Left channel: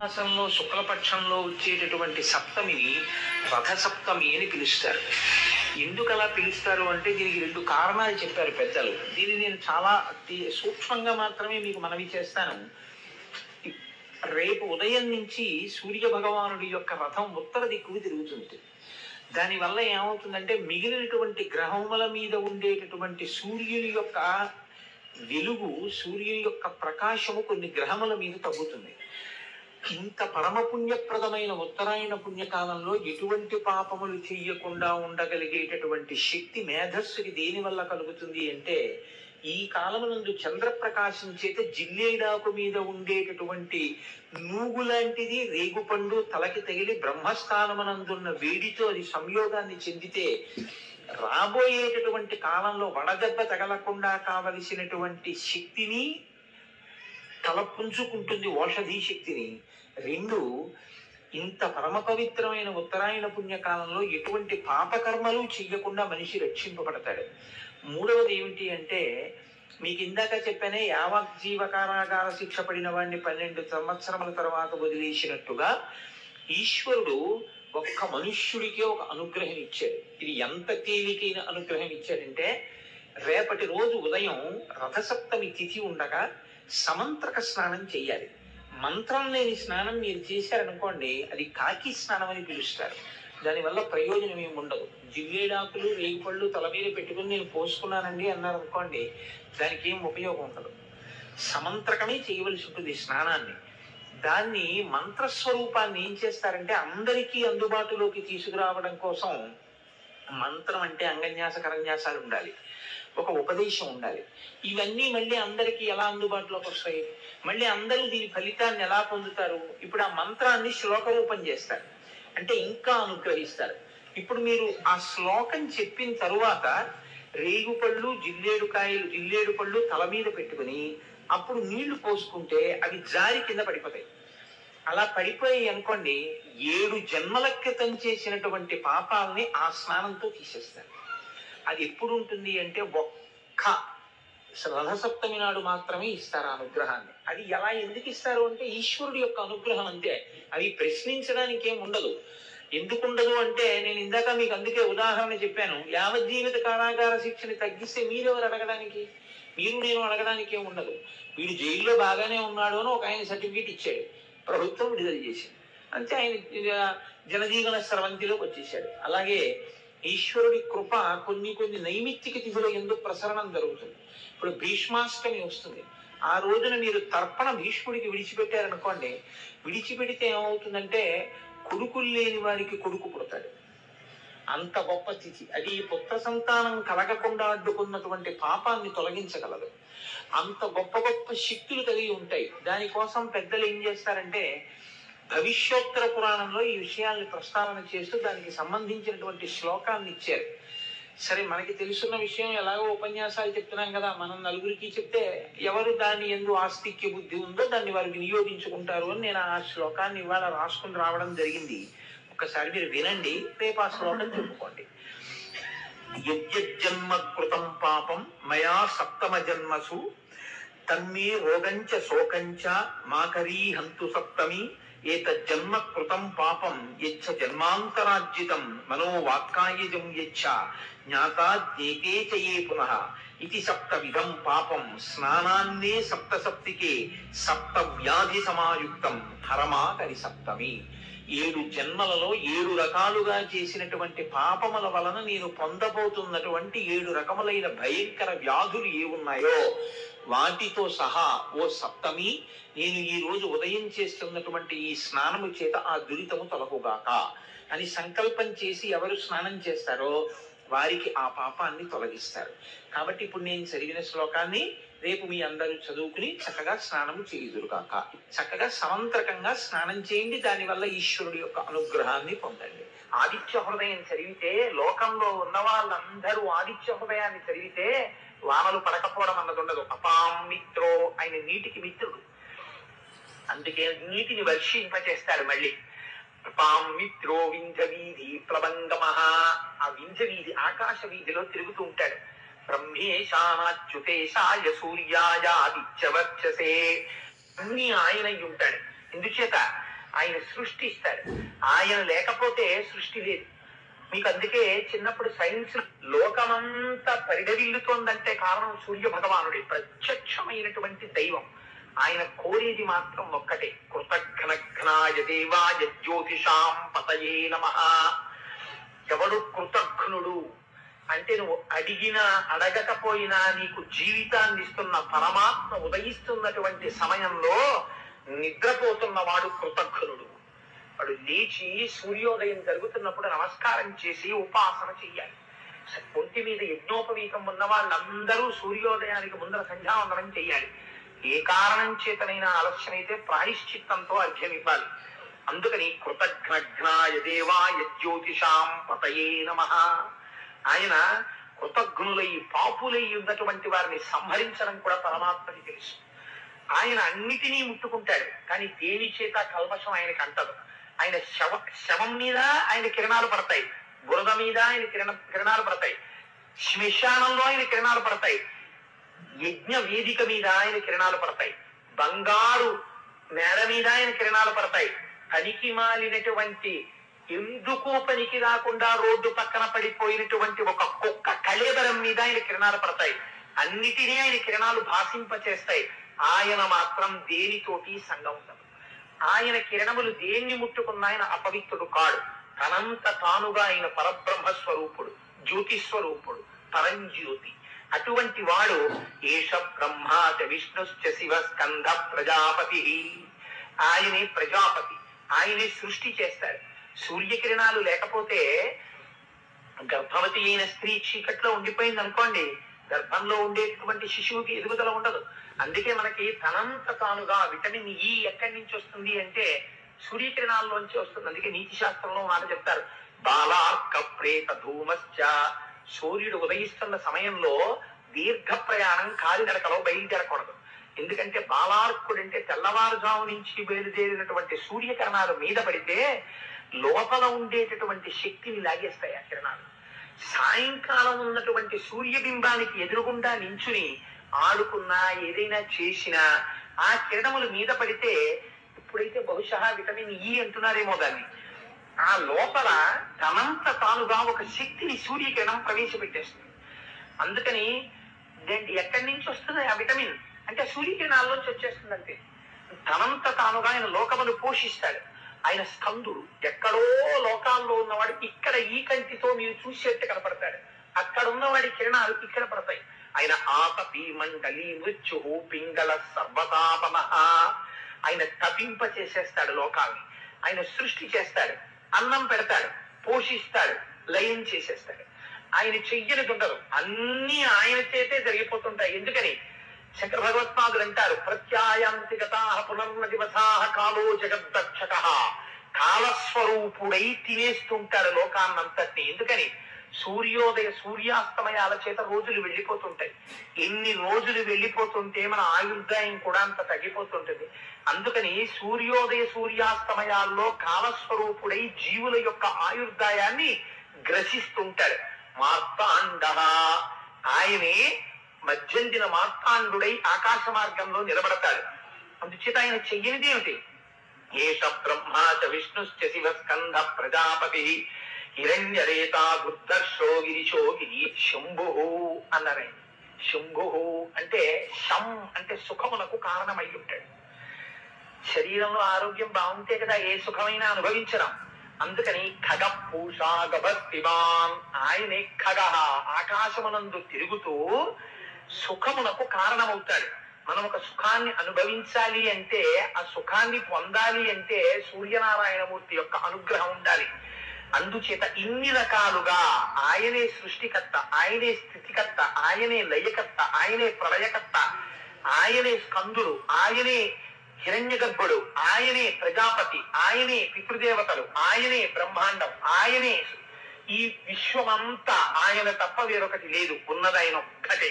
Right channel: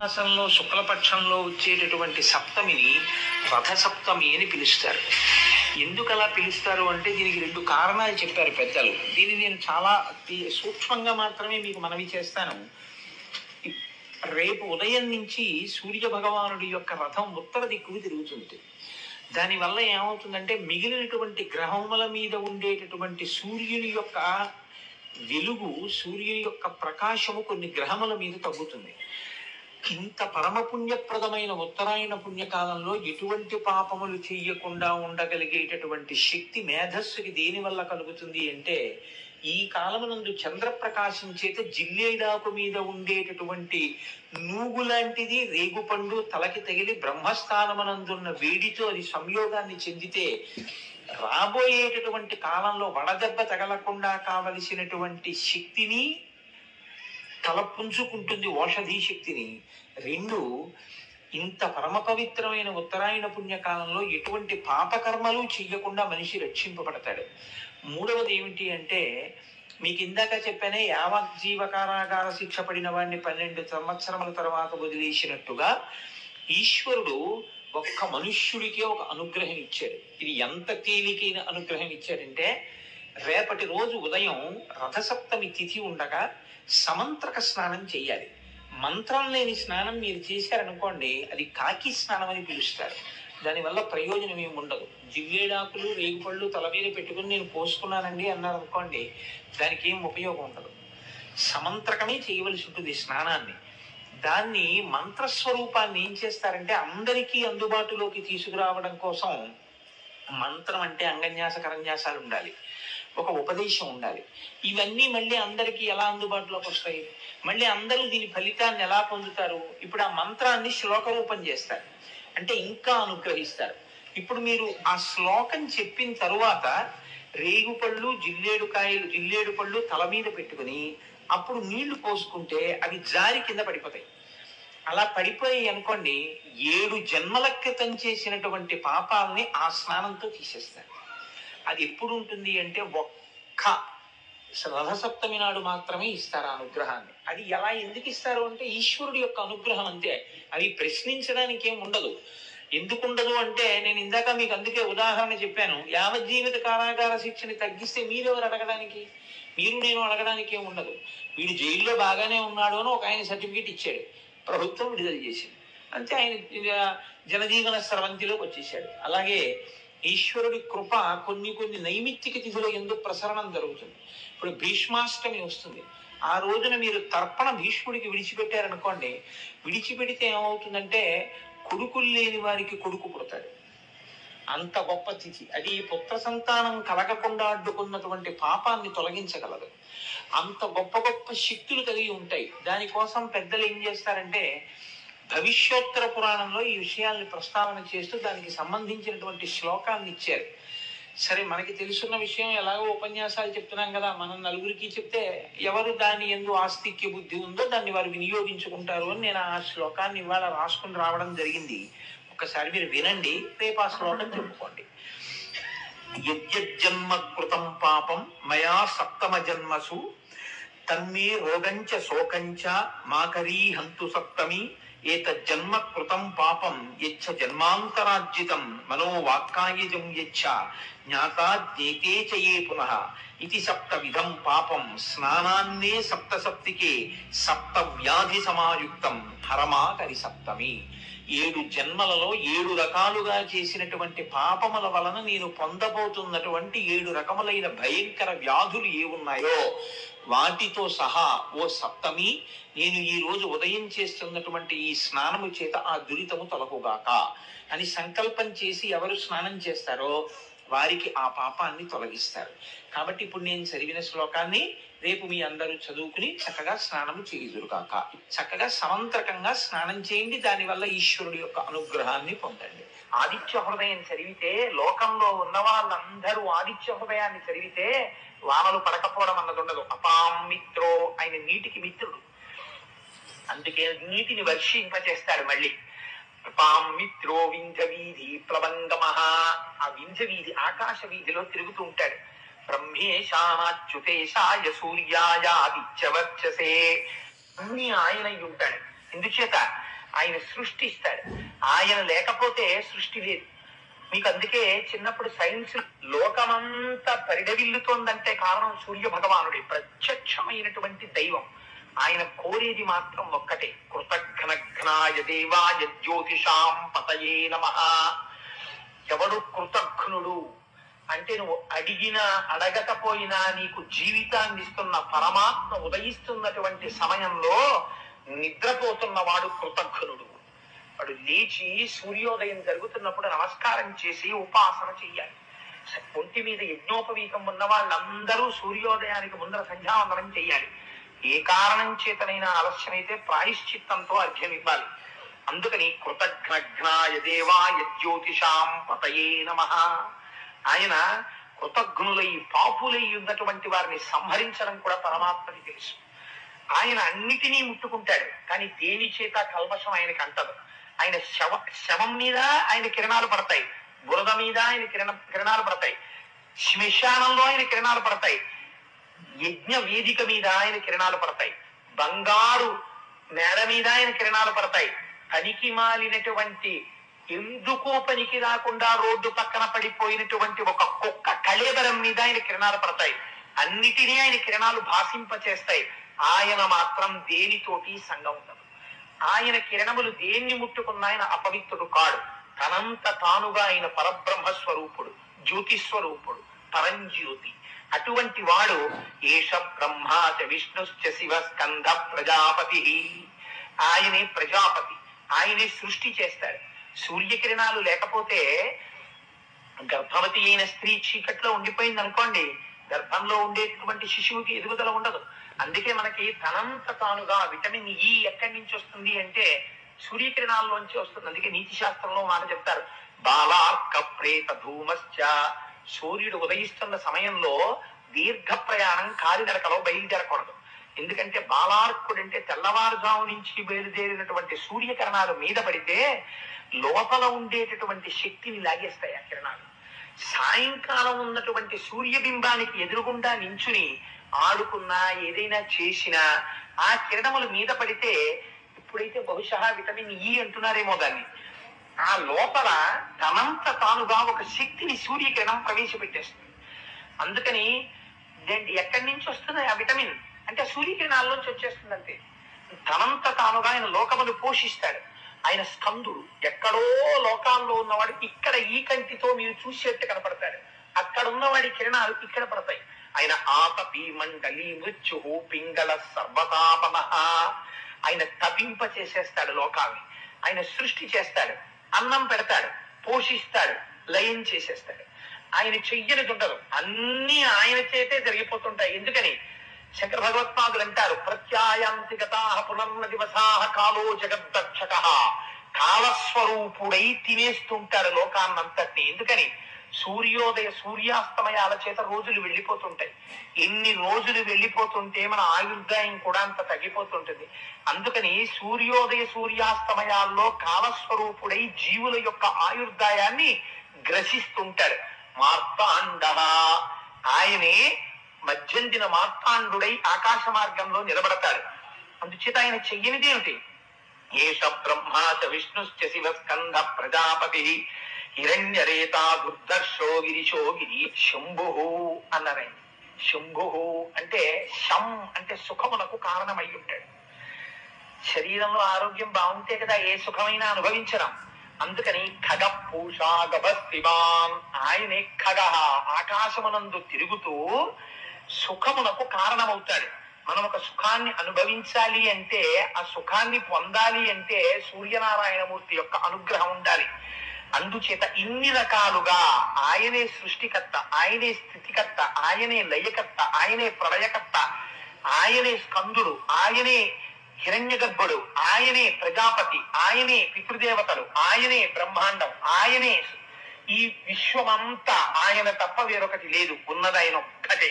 మాసంలో శుక్లపక్షంలో వచ్చేటటువంటి సప్తమిని రథసప్తమి అని పిలుస్తారు. ఎందుకు అలా పిలుస్తారు అంటే దీనికి రెండు కారణాలు చెప్పారు పెద్దలు. దీన్ని నేను చాలా సూక్ష్మంగా మాత్రమే మీకు మనవి చేస్తాను. రేపు ఉదయం నుంచి సూర్య భగవానుడి యొక్క రథం ఉత్తర దిక్కుకు తిరుగుతుంది. దానివల్ల ఏమవుతుందంటే మిగిలినటువంటి గ్రహముల మీద ఉండేటటువంటి సూర్యుని యొక్క వెలుగు, సూర్యుని యొక్క ప్రకాశము కొన్ని గ్రహముల మీద తగ్గుతుంది. ఇంత పరమ పుణ్యప్రదమైన ఉత్తరాయణ పుణ్యకాలంలో ఎటువంటి పాపములు చెయ్యకుండా ఉండగలిగేటటువంటి శక్తి మేధస్సుకి దేని వల్ల కలుగుతుంది అంటే, ఈ కాలమునందు చంద్రప్రకాశం చేత జిల్లేడాకు మీద ఉండేటటువంటి నూగు లాంటిది రేగుపండు తలకి తగిలి బ్రహ్మస్థానమునందున్న వేడితో అది సంయోగాన్ని చెందితే రాబోయేటటువంటి కాలంలో వడదెబ్బ తగలకుండా కావలసినటువంటి శక్తిని తలపుంచుకుంటుంది, ఔషధీ శక్తిని. రెండు, ఇంత పరమ పవిత్రమైన ఉత్తరాయణ పుణ్యకాలంలో ఎటువంటి పాపకర్మలు చెయ్యకుండా మనిషి రక్షింపబడతాడు. మూడవది ఏమిటి అంటే, మీకు ఇందాక చెప్పానే యావజ్జీవ కారాగార శిక్ష పడిన వాడిని 12 సంవత్సరముల తర్వాత వదిలేసినట్టుగా ఈశ్వరుడు ఒక్క మనుష్యుడికే ఒక అనుగ్రహం ఇచ్చాడు. ఇది ఎంత తేలికైన అనుగ్రహం ఇచ్చాడంటే, రేపటి రోజు ఉదయం రథసప్తమి తిథి ఉండగా సమంత్రక స్నానం చేయాలి. మంత్రం లేని స్నానం మీరు చేశారనుకోండి, అది కాకి స్నానం అని పిలుస్తారు. దానివల్ల ప్రయోజనం ఏమి ఉండదు. జివ్వేడాకులు రేగుపళ్ళు తల మీద పెట్టుకుని నేను పోసుకున్నానండి అన్నారు అనుకోండి, దానికి ఏం ఉపయోగం ఉండదు. సమంత్రకమే చేయవలసి ఉంటుంది స్నానాన్ని. దాన్ని మంత్రస్వరూపాన్ని ఏం చేస్తారంటే అందరికీ అందుబాటులోకి తీసుకురావడం కోసం మంత్రం అంటే అంగన్యాస కరన్యాసాలు ఉండాలి, ఒక ఉపదేశం ఉండాలి. ఇవన్నీ మళ్ళీ అందరికీ ఎలా అందుబాటులోకి వస్తాయి? మళ్ళీ అందరూ దీని ఫలితాన్ని ఎలా పొందుతారు? ఇప్పుడు ఆ మంత్రాన్ని శ్లోక రూపం చేస్తారు, అంటే ఇంకా అనుగ్రహిస్తారు. ఇప్పుడు మీరు ఆ శ్లోకం చెప్పిన తరువాత రేగుపళ్ళు జిల్లేడు పళ్ళు తల మీద పెట్టుకుని అప్పుడు నీళ్లు పోసుకుంటే అవి జారి కింద పడిపోతాయి. అలా పడిపోయి అనుకోండి, 7 జన్మల క్రితం చేసినటువంటి పాపాలని ఆ స్నానంతో తీసేస్తారు. అది ఎప్పుడు ఉంటుంది అంటే ఒక్క రథసప్తమి నాడు మాత్రమే ఇస్తారు ఆ అనుగ్రహాన్ని. అది ఎలా ఎందుకు ఇస్తారు అంటే ఈశ్వరుడి యొక్క అనుగ్రహం అంతే. అవి ప్రశ్నించడానికి ఏం ఉండదు. ఎందుకుండదు అంటే, నేను ఇందాక మీకు అందుకే ఉదాహరణ చెప్పాను. యావజ్జీవిత కారాగార శిక్షని తగ్గిస్తే మీరెవరు అడగడానికి? మీరు నేను అడగడానికి ఏం ఉండదు. వీడు జైల్లో బాగానే ఉన్నాడు అని ఒక ఆయన సర్టిఫికేట్ ఇచ్చాడు, ప్రభుత్వం విడుదల చేసింది, అంతే. ఆయన జనజీవన స్రవంతిలోకి వచ్చేసాడు. అలాగే ఈశ్వరుడి కృప కొన్ని నైమిత్తిక తిథుల యందు ప్రసరణం జరుగుతుంది. ఇప్పుడు భీష్మాష్టమి వస్తుంది. ఆ రోజున మీరు తర్పణ భీష్ముడికి విడిచిపెట్టారనుకోండి, విడిచిపెడితే ఏమవుతుందంటే కొడుకులు లేని వారికి కొడుకు పుడతాడు. అంత గొప్ప తిథి అది. పుత్ర సంతానం కలగకుండా అడ్డుకున్నటువంటి పాపాన్ని తొలగించగలదు. అంత గొప్ప గొప్ప శక్తులు కలిగి ఉంటాయి. దానికోసం పెద్దలు ఏం చేస్తారంటే, భవిష్యోత్తర పురాణంలో ఈ విషయాల్ని ప్రస్తావన చేస్తూ దానికి సంబంధించినటువంటి శ్లోకాన్ని ఇచ్చారు. సరే, మనకి తెలుసున్న విషయం ఎలాగో ఉపన్యాసాలు చెప్తున్నాం కదా, మనం నలుగురికి చెప్తే ఎవరు దాని యందు ఆస్తిక్య బుద్ధి ఉందో దాన్ని వారు వినియోగించుకుంటారు అని నేను ఆ శ్లోకాన్ని ఇవాళ రాసుకుని రావడం జరిగింది. ఒకసారి మీరు వినండి, రేపు ఆ శ్లోకం చెప్పుకోండి. యజ్జన్మ కృతం పాపం మయా సప్తమ జన్మసు తన్మే రోగంచ శోకంచ మాకరీ హంతు సప్తమి ఏతజ్జన్మ కృతం పాపం యచ్చ జన్మాంతరార్జితం మనోవాక్కాయజం యచ్చ జ్ఞాతాద్యేతే చయే పునః ఇది సప్తవిధం పాపం స్నానాన్నే సప్తసప్తికే సప్త వ్యాధి సమాయుక్తం హరమాకరి సప్తమి. 7 జన్మలలో 7 రకాలుగా చేసినటువంటి పాపముల వలన నేను పొందబోతున్నటువంటి 7 రకములైన భయంకర వ్యాధులు ఏ ఉన్నాయో వాటితో సహా ఓ సప్తమి, నేను ఈ రోజు ఉదయం చేస్తున్నటువంటి ఈ స్నానము చేత ఆ దురితము తొలగుగాక అని సంకల్పం చేసి ఎవరు స్నానం చేస్తారో వారికి ఆ పాపాన్ని తొలగిస్తారు. కాబట్టి ఇప్పుడు నేను చదివిన శ్లోకాన్ని రేపు మీ అందరూ చదువుకుని చక్కగా స్నానం చేయుదురుగాక. చక్కగా సమంత్రకంగా స్నానం చేయండి. దానివల్ల ఈశ్వరుడి యొక్క అనుగ్రహాన్ని పొందండి. ఆదిత్య హృదయం చదివితే, లోకంలో ఉన్న వాళ్ళందరూ ఆదిత్య హృదయాన్ని చదివితే వానలు పడకపోవడం అన్నది ఉండదు. అపాం మిత్రో, ఆయన నీటికి మిత్రుడు, అందుకే నీటిని వర్షింపచేస్తాడు. మళ్ళీ అపాం మిత్రో వింధ్య వీధి ప్లవంగమః, ఆ వింధ్య వీధి ఆకాశ వీధిలో తిరుగుతూ ఉంటాడు. బ్రహ్మేశానాచ్యుతేశాయ సూర్యాయ ఆదిత్యవర్చసే, అన్ని ఆయన ఉంటాడు. ఎందుచేత ఆయన సృష్టిస్తాడు. ఆయన లేకపోతే సృష్టి లేదు. మీకు అందుకే చిన్నప్పుడు సైన్స్ లోకమంతా పరిడవిల్లుతోందంటే కారణం సూర్య భగవానుడే, ప్రత్యక్షమైనటువంటి దైవం. ఆయన కోరేది మాత్రం ఒక్కటే, కృతఘ్నఘ్నాయ దేవాయ జ్యోతిషాం పతయే నమః. ఎవడు కృతఘ్నుడు అంటే నువ్వు అడిగినా అడగకపోయినా నీకు జీవితాన్ని ఇస్తున్న పరమాత్మ ఉదయిస్తున్నటువంటి సమయంలో నిద్రపోతున్నవాడు కృతఘ్నుడు. వాడు లేచి సూర్యోదయం జరుగుతున్నప్పుడు నమస్కారం చేసి ఉపాసన చెయ్యాలి. ఒంటి మీద యజ్ఞోపవీతం ఉన్న వాళ్ళందరూ సూర్యోదయానికి ముందర సంధ్యావందనం చెయ్యాలి. ఏ కారణం చేతనైనా ఆలస్యమైతే ప్రాయశ్చిత్తంతో అర్ఘ్యం ఇవ్వాలి. అందుకని కృతఘ్నఘ్నాయ దేవాయ జ్యోతిషాం పతయే నమః. ఆయన కృతఘ్నులై పాపులై ఉన్నటువంటి వారిని సంహరించడం కూడా పరమాత్మకి తెలుసు. ఆయన అన్నిటినీ ముట్టుకుంటాడు, కానీ దేని చేత కల్మషం ఆయనకి అంటదు. ఆయన శవం మీద ఆయన కిరణాలు పడతాయి, బురద మీద ఆయన కిరణాలు పడతాయి, శ్మశానంలో ఆయన కిరణాలు పడతాయి, యజ్ఞ వేదిక మీద ఆయన కిరణాలు పడతాయి, బంగారు నేల మీద ఆయన కిరణాలు పడతాయి, పనికి మాలినటువంటి ఎందుకో పనికి రాకుండా రోడ్డు పక్కన పడిపోయినటువంటి ఒక కుక్క కళేబరం మీద ఆయన కిరణాలు పడతాయి. అన్నిటినీ ఆయన కిరణాలు భాషింపచేస్తాయి. ఆయన మాత్రం దేనితోటి సంగం ఉండదు. ఆయన కిరణములు దేన్ని ముట్టుకున్న ఆయన అపవిత్రుడు కాడు. తనంత తానుగా ఆయన పరబ్రహ్మ స్వరూపుడు, జ్యోతి స్వరూపుడు, పరంజ్యోతి. అటువంటి వాడు ఏష బ్రహ్మాచ విష్ణుశ్చ శివ స్కంధ ప్రజాపతి. ఆయనే ప్రజాపతి, ఆయనే సృష్టి చేస్తాడు. సూర్యకిరణాలు లేకపోతే గర్భవతి అయిన స్త్రీ చీకట్లో ఉండిపోయింది అనుకోండి, గర్భంలో ఉండేటువంటి శిశువుకి ఎదుగుదల ఉండదు. అందుకే మనకి తనంత తానుగా విటమిన్ ఈ ఎక్కడి నుంచి వస్తుంది అంటే సూర్యకిరణాల్లోంచి వస్తుంది. అందుకే నీతి శాస్త్రంలో మాట చెప్తారు, బాలార్క ప్రేత ధూమశ్చ. సూర్యుడు ఉదయిస్తున్న సమయంలో దీర్ఘ ప్రయాణం కాలినడకలో బయలుదేరకూడదు. ఎందుకంటే బాలార్కుడు అంటే తెల్లవారుజాము నుంచి బయలుదేరినటువంటి సూర్యకిరణాలు మీద పడితే లోపల ఉండేటటువంటి శక్తిని లాగేస్తాయి ఆ కిరణాలు. సాయంకాలం ఉన్నటువంటి సూర్యబింబానికి ఎదురుగుండా నించుని ఆడుకున్నా ఏదైనా చేసినా ఆ కిరణములు మీద పడితే, ఇప్పుడైతే బహుశా విటమిన్ ఈ అంటున్నారేమో దాన్ని, ఆ లోపల తనంత తానుగా ఒక శక్తిని సూర్యకిరణం ప్రవేశపెట్టేస్తుంది. అందుకని ఎక్కడి నుంచి వస్తుంది ఆ విటమిన్ అంటే సూర్యకిరణాల్లోంచి వచ్చేస్తుంది. అంతే, తనంత తానుగా ఆయన లోకమును పోషిస్తాడు. ఆయన స్కందుడు. ఎక్కడో లోకాల్లో ఉన్నవాడు ఇక్కడ ఈ కంటితో మీరు చూసేట్టు కనపడతాడు, అక్కడ ఉన్నవాడి కిరణాలు ఇక్కడ పడతాయి. ఆయన ఆతపి మండలి మృత్యు పింగళ సర్వతాపన. ఆయన తపింప చేసేస్తాడు లోకాల్ని. ఆయన సృష్టి చేస్తాడు, అన్నం పెడతాడు, పోషిస్తాడు, లయం చేసేస్తాడు. ఆయన చెయ్యనిది ఉండదు, అన్ని ఆయన చేతే జరిగిపోతుంటాయి. ఎందుకని శంకర భగవత్పాదులు అంటారు, ప్రత్యాయాంతి గతాః పునర్న దివసాః కాలో జగద్దక్షకః. కాలస్వరూపుడై తినేస్తుంటాడు లోకాన్నంతటిని. ఎందుకని సూర్యోదయ సూర్యాస్తమయాల చేత రోజులు వెళ్ళిపోతుంటాయి. ఎన్ని రోజులు వెళ్ళిపోతుంటే మన ఆయుర్దాయం కూడా అంత తగ్గిపోతుంటుంది. అందుకని సూర్యోదయ సూర్యాస్తమయాల్లో కాలస్వరూపుడై జీవుల యొక్క ఆయుర్దాయాన్ని గ్రసిస్తుంటాడు. మార్తాండ, ఆయనే మధ్యందిన మార్తాండుడై ఆకాశ మార్గంలో నిలబడతాడు. అందుచేత ఆయన చెయ్యనిది ఏమిటి? ఏష బ్రహ్మాచ విష్ణుశ్చ శివ స్కంధ ప్రజాపతి హిరణ్యరేతా దుర్దర్శో గిరిశో గిరి శంభు అన్నారు. శంభు అంటే శం అంటే సుఖమునకు కారణమై ఉంటాడు. శరీరంలో ఆరోగ్యం బాగుంటే కదా ఏ సుఖమైనా అనుభవించడం. అందుకని ఖగ పూషా గభస్తివాన్, ఆయనే ఖగ, ఆకాశమునందు తిరుగుతూ సుఖమునకు కారణమవుతాడు. మనం ఒక సుఖాన్ని అనుభవించాలి అంటే, ఆ సుఖాన్ని పొందాలి అంటే సూర్యనారాయణమూర్తి యొక్క అనుగ్రహం ఉండాలి. అందుచేత ఇన్ని రకాలుగా ఆయనే సృష్టికర్త, ఆయనే స్థితికర్త, ఆయనే లయకర్త, ఆయనే ప్రళయకర్త, ఆయనే స్కందుడు, ఆయనే హిరణ్య గర్భుడు, ఆయనే ప్రజాపతి, ఆయనే పితృదేవతలు, ఆయనే బ్రహ్మాండం, ఆయనే ఈ విశ్వమంతా. ఆయన తప్ప వేరొకటి లేదు, ఉన్నది ఆయన ఒక్కటే.